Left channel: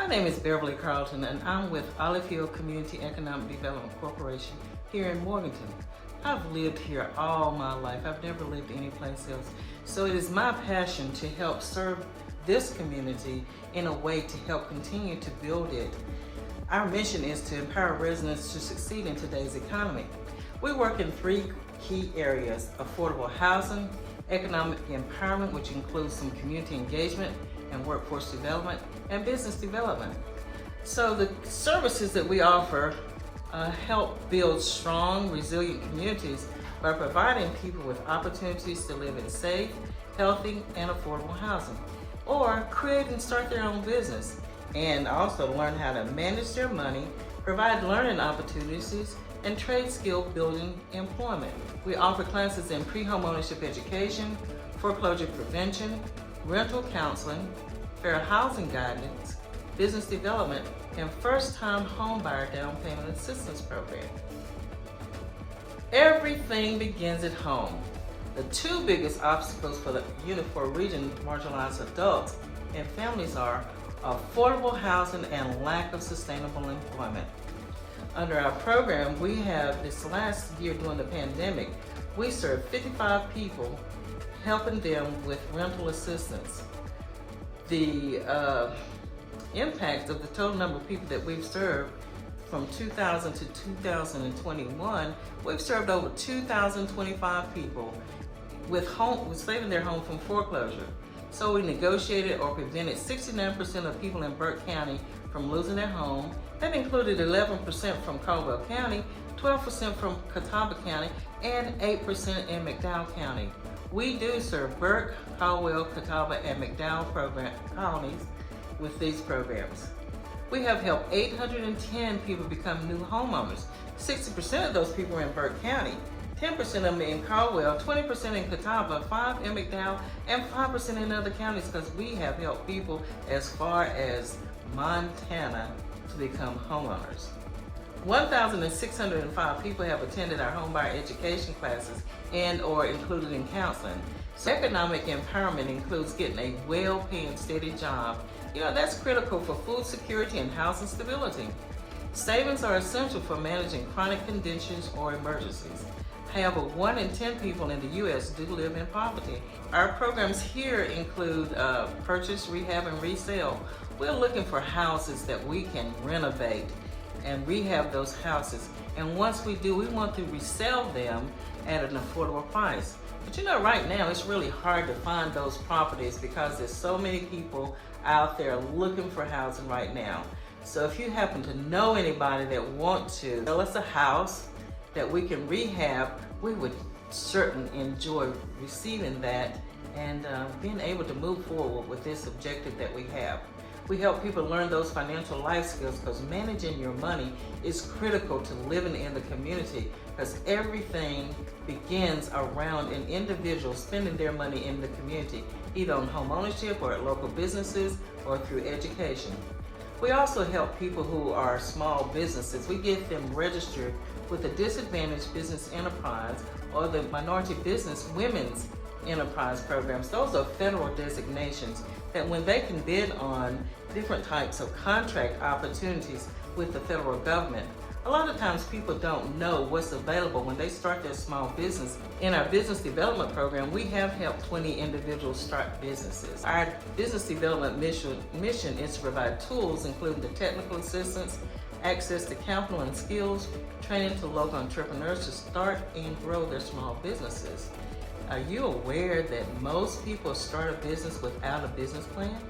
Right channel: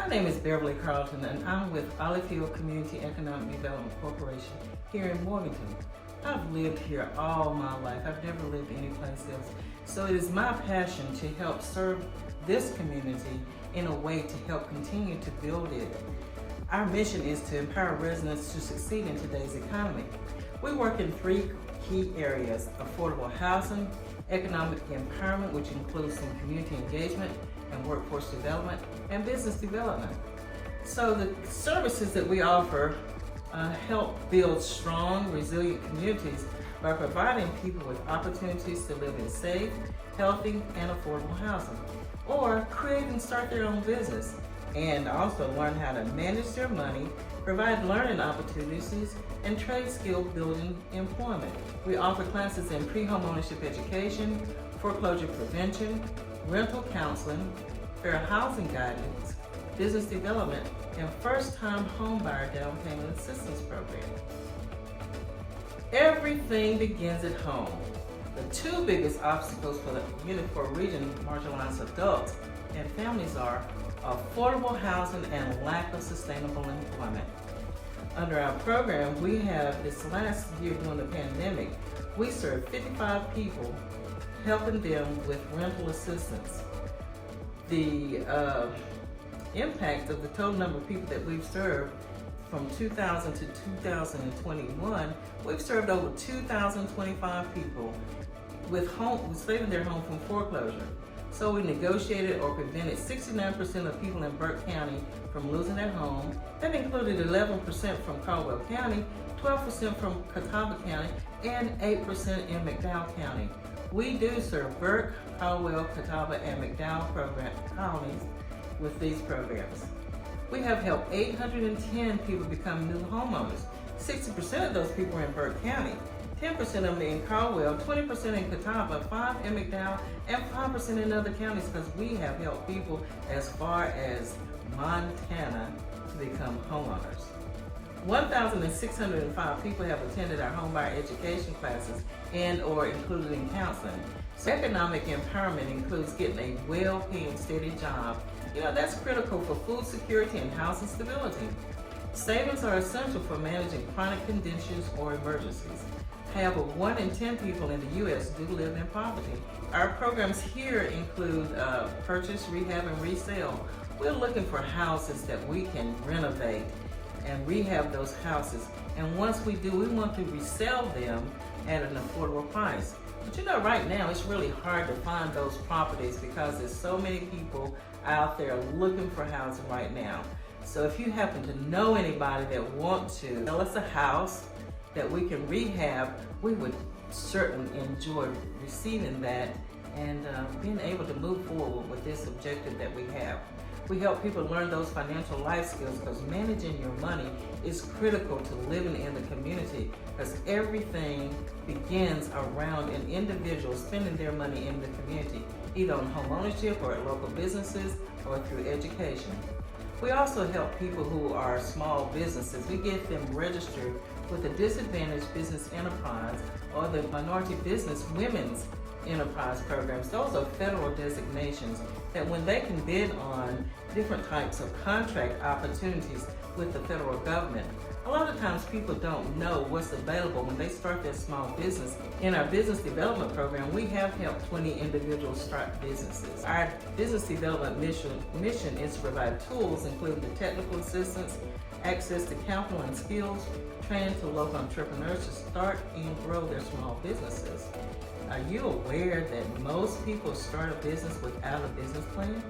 My name is Beverly Carlton, and I'm with Olive Community Economic Development Corporation here in Morganton. I've lived here all my life. I've never lived anyplace else. So it is my passion to help serve this community in a way to help continue to build it. Our mission is to empower residents to succeed in today's economy. We work in three key areas: affordable housing, economic empowerment, which includes some community engagement and workforce development, and business development. So the services that we offer help build strong, resilient communities by providing people with opportunities to live in safe, healthy, and affordable housing, or create and start their own business, and also learn how to manage their money, provide learning opportunities, and trade skill building employment. We offer classes in pre-home ownership education, foreclosure prevention, rental counseling, fair housing guidance, business development, and first-time home buyer down payment assistance program. Everything begins at home. The two biggest obstacles for the region marginalized adults and families are affordable housing and lack of sustainable employment. Under our program, we have this last year during the pandemic, we served 55 people, helping them with rental assistance. The impact of the total number of people that we've served from 2000 to 2021, we've served over 2,025 people with saving their home from foreclosure. So we negotiated or prevented 69% of people in Burke County from losing their home. That included 11% from Caldwell County, 12% from Catawba County, and 8% in McDowell County. We do serve Burke, Caldwell, Catawba, and McDowell counties with these programs. We have helped 810 people become new homeowners. 60% of those people are in Burke County, 10% of them in Caldwell, 20% in Catawba, 5% in McDowell, and 5% in other counties, because we have helped people as far as Montana to become homeowners. 1,605 people have attended our homebuyer education classes and or included in counseling. So economic empowerment includes getting a well-paying, steady job. That's critical for food security and housing stability. Savings are essential for managing chronic conditions or emergencies. However, 1 in 10 people in the U.S. do live in poverty. Our programs here include purchase, rehab, and resale. We're looking for houses that we can renovate and rehab those houses. And once we do, we want to resell them at an affordable price. But right now it's really hard to find those properties because there's so many people out there looking for housing right now. So if you happen to know anybody that want to sell us a house that we can rehab, we would certainly enjoy receiving that and being able to move forward with this objective that we have. We help people learn those financial life skills because managing your money is critical to living in the community, because everything begins around an individual spending their money in the community, either on home ownership or at local businesses or through education. We also help people who are small businesses. We get them registered with the Disadvantaged Business Enterprise or the Minority Business Women's Enterprise programs. Those are federal designations that when they can bid on different types of contract opportunities with the federal government, a lot of times people don't know what's available when they start their small business. In our business development program, we have helped 20 individuals start businesses. Our business development mission is to provide tools, including the technical assistance, access to capital and skills, training to local entrepreneurs to start and grow their small businesses. Are you aware that most people start a business without a business plan?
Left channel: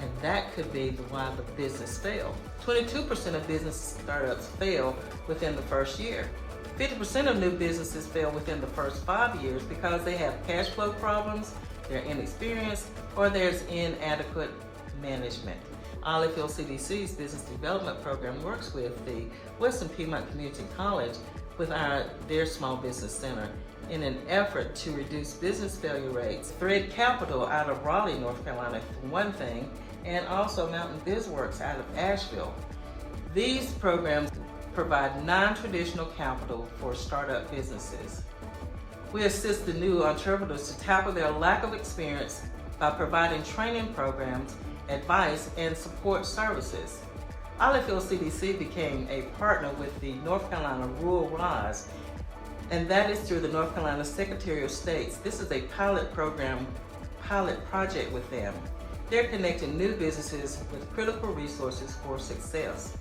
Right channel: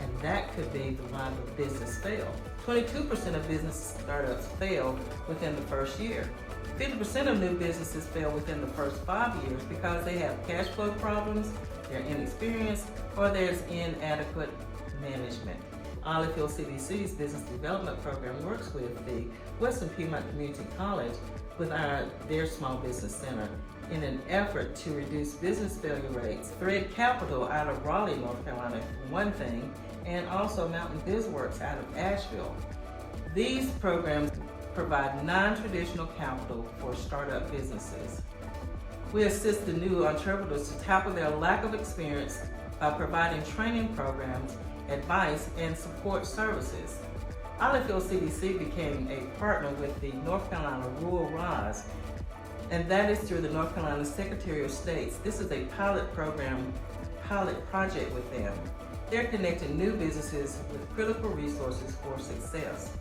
And that could be why the business failed. 22% of business startups fail within the first year. 50% of new businesses fail within the first 5 years because they have cash flow problems, they're inexperienced, or there's inadequate management. Olive CDC's business development program works with the Western Piedmont Community College with their Small Business Center in an effort to reduce business failure rates. Thread Capital out of Raleigh, North Carolina, for one thing, and also Mountain BizWorks out of Asheville. These programs provide non-traditional capital for startup businesses. We assist the new entrepreneurs to tackle their lack of experience by providing training programs, advice, and support services. Ardeville CDC became a partner with the North Carolina Rural Rise, and that is through the North Carolina Secretary of State. This is a pilot project with them. They're connecting new businesses with critical resources for success.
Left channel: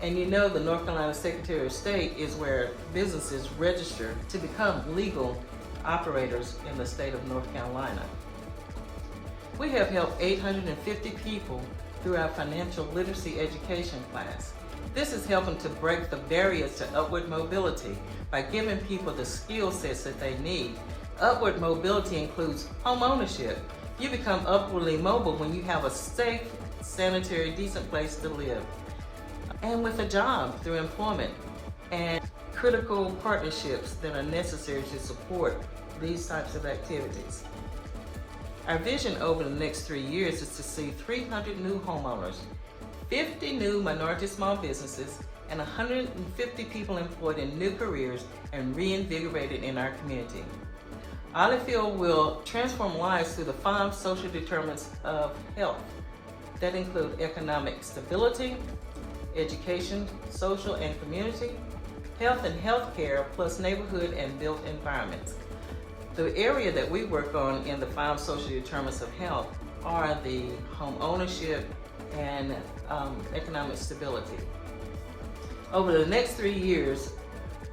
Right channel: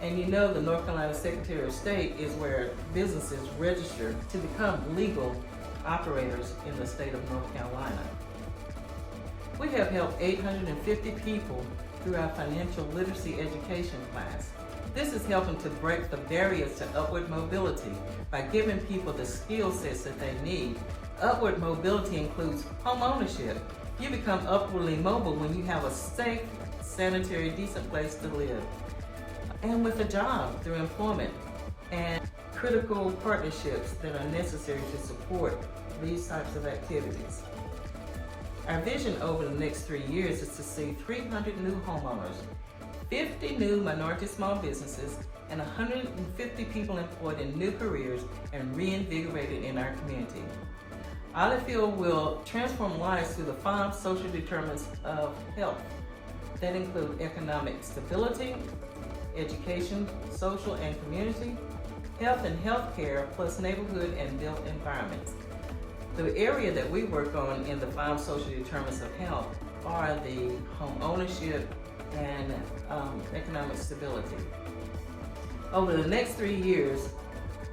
And you know the North Carolina Secretary of State is where businesses register to become legal operators in the state of North Carolina. We have helped 850 people through our financial literacy education class. This is helping to break the barriers to upward mobility by giving people the skill sets that they need. Upward mobility includes home ownership. You become upwardly mobile when you have a safe, sanitary, decent place to live. And with a job through employment and critical partnerships that are necessary to support these types of activities. Our vision over the next 3 years is to see 300 new homeowners, 50 new minority small businesses, and 150 people employed in new careers and reinvigorated in our community. Ardeville will transform lives through the 5 social determinants of health that include economic stability, education, social and community, health and healthcare, plus neighborhood and built environments. The area that we work on in the 5 social determinants of health are the home ownership and economic stability. Over the next 3 years,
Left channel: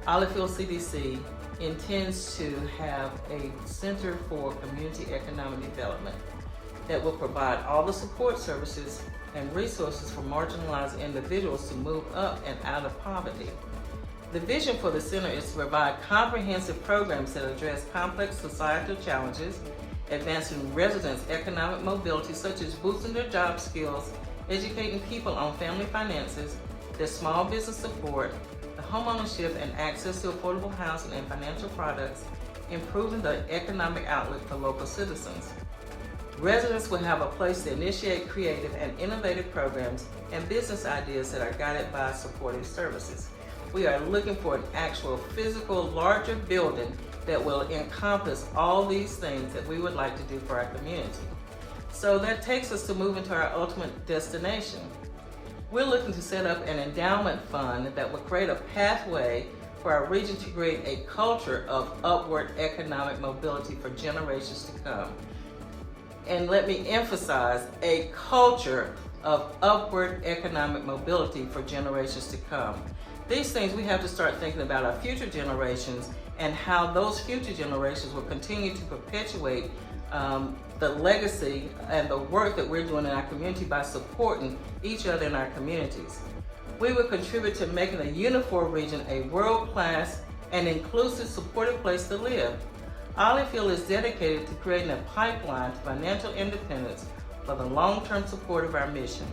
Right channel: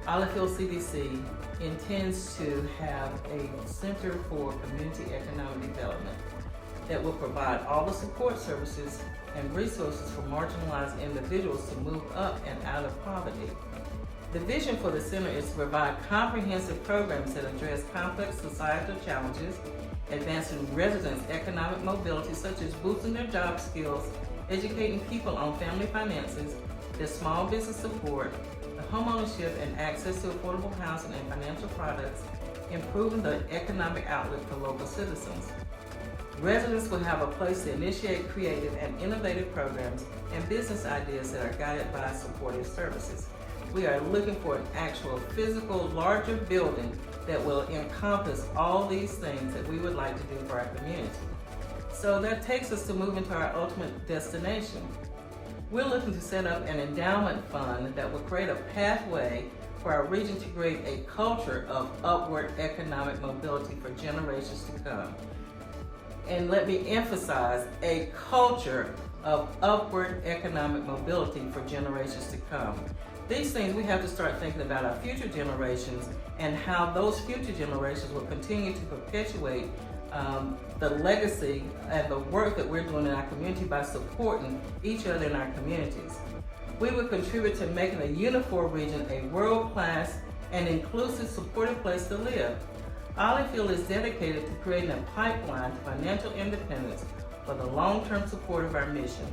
Ardeville CDC intends to have a Center for Community Economic Development that will provide all the support services and resources for marginalized individuals to move up and out of poverty. The vision for the center is to provide comprehensive programs that address complex societal challenges, advancing residents' economic mobility, such as boosting their job skills, educating people on family finances, their small business support, the homeownership and access to affordable housing and financial products, improving the economic outlook for local citizens. Residents will have a place to initiate creative and innovative programs and business ideas that are guided by supportive services. We are looking for an actual physical, larger building that will encompass all these things that we would like to do for our community. So that takes us to moving to our ultimate destination. We're looking to set up an endowment fund that will create a pathway for our region to create a culture of upward economic mobility for generations to come. And let me emphasize, a culture of upward economic mobility for generations to come. These things we have to start thinking about our future generations and how those future generations will continue to perpetuate the legacy and the work that we're doing in our community by supporting each other in our communities. We will contribute to making a uniform region a world-class and inclusive, supportive place to live. Ardeville is dedicated to creating a pipeline to financial independence for the long-term support of our mission.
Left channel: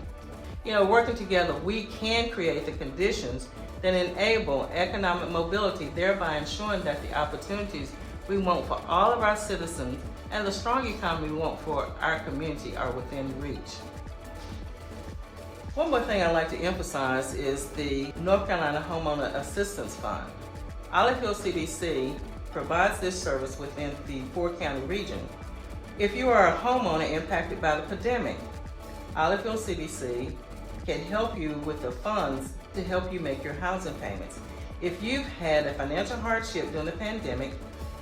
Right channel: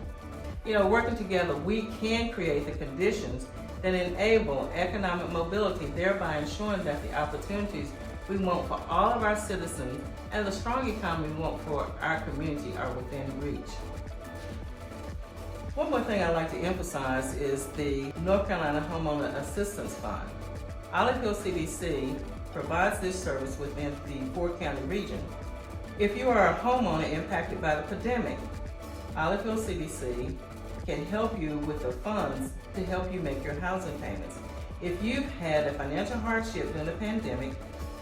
Working together, we can create the conditions that enable economic mobility, thereby ensuring that the opportunities we want for all of our citizens and the strong economy we want for our community are within reach. One more thing I'd like to emphasize is the North Carolina Homeowner Assistance Fund. Ardeville CDC provides this service within the 4-county region. If you are a homeowner impacted by the pandemic, Ardeville CDC can help you with the funds to help you make your housing payments. If you've had a financial hardship during the pandemic,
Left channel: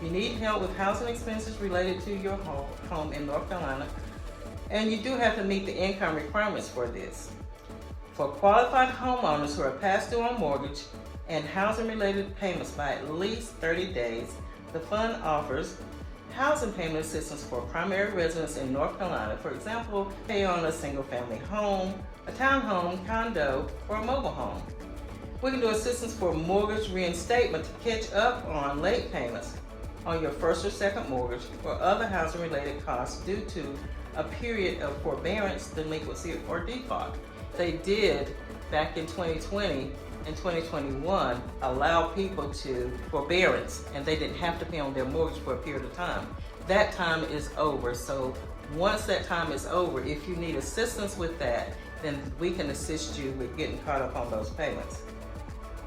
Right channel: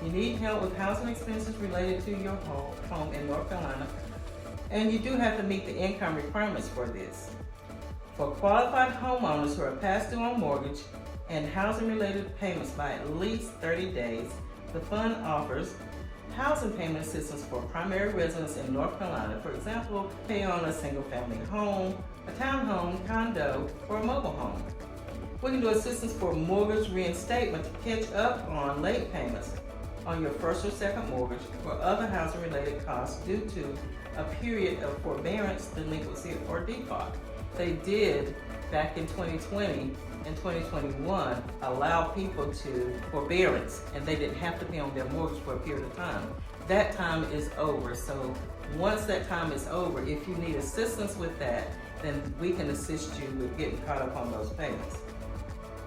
you need help with housing expenses related to your home in North Carolina, and you do have to meet the income requirements for this. For qualified homeowners who are past due on mortgage and housing-related payments by at least 30 days, the fund offers housing payment assistance for primary residents in North Carolina. For example, pay on a single-family home, a townhome, condo, or a mobile home. We can do assistance for mortgage reinstatement to catch up on late payments on your first or second mortgage or other housing-related costs due to a period of forbearance, delinquency, or default. They did, back in 2020 and 2021, allow people to forbearance, and they didn't have to pay on their mortgage for a period of time. That time is over, so once that time is over, if you need assistance with that, then we can assist you with getting caught up on those payments.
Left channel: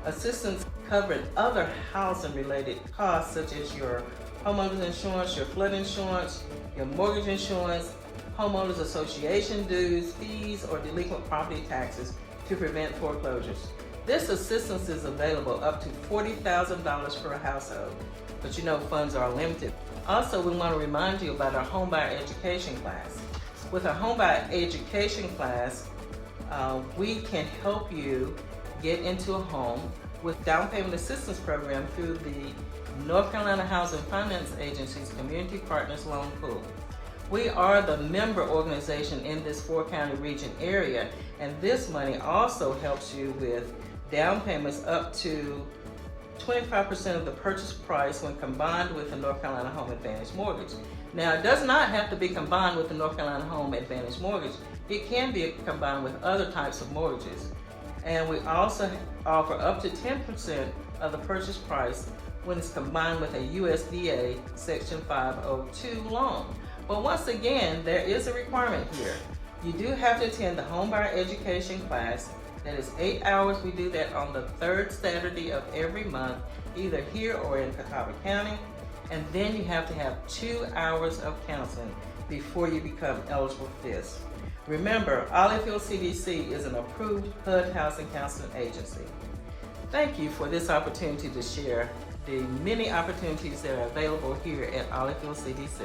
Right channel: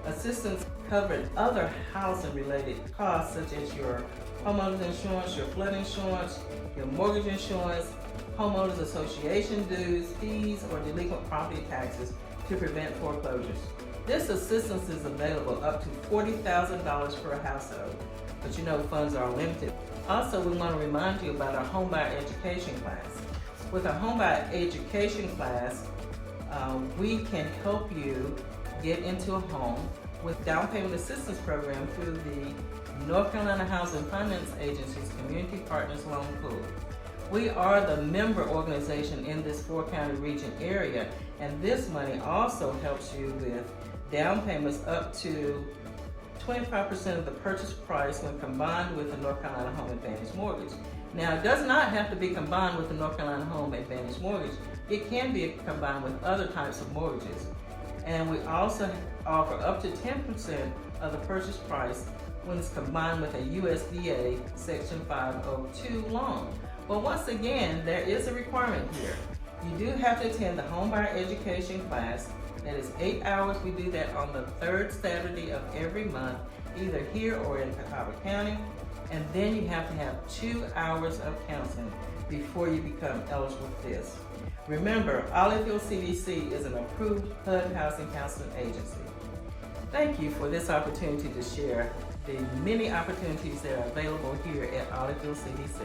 Assistance covering other housing-related costs such as your homeowner's insurance, your flood insurance, your mortgage insurance, homeowners association dues, fees, or delinquent property taxes to prevent foreclosures. This assistance is available up to $40,000 per household, but you know funds are limited. Also, we want to remind you about our homebuyer education class. With our homebuyer education class, we can help you get into a home with down payment assistance program through the North Carolina Housing Finance Agency's Community Partners Loan Pool. We are the member organization in this 4-county region area, and this money also helps you with down payments up to 25% of the purchase price when combined with the North Carolina Home Advantage Mortgage. Now, it does not have to be combined with the North Carolina Home Advantage Mortgage. It can be combined with other types of mortgages. And we also offer up to 10% of the purchase price when it's combined with a USDA Section 502 loan. But once again, there is a requirement here. You do have to attend the homebuyer education class. That is 8 hours. We do that on the 3rd Saturday of every month, either here or in Catawba County. And then you have to have 2 hours of counseling before you become eligible for this. Remember, Olive Hill CDC is an approved HUD housing counseling agency. Thank you for this opportunity to share the many opportunities that are available here at Olive Hill CDC.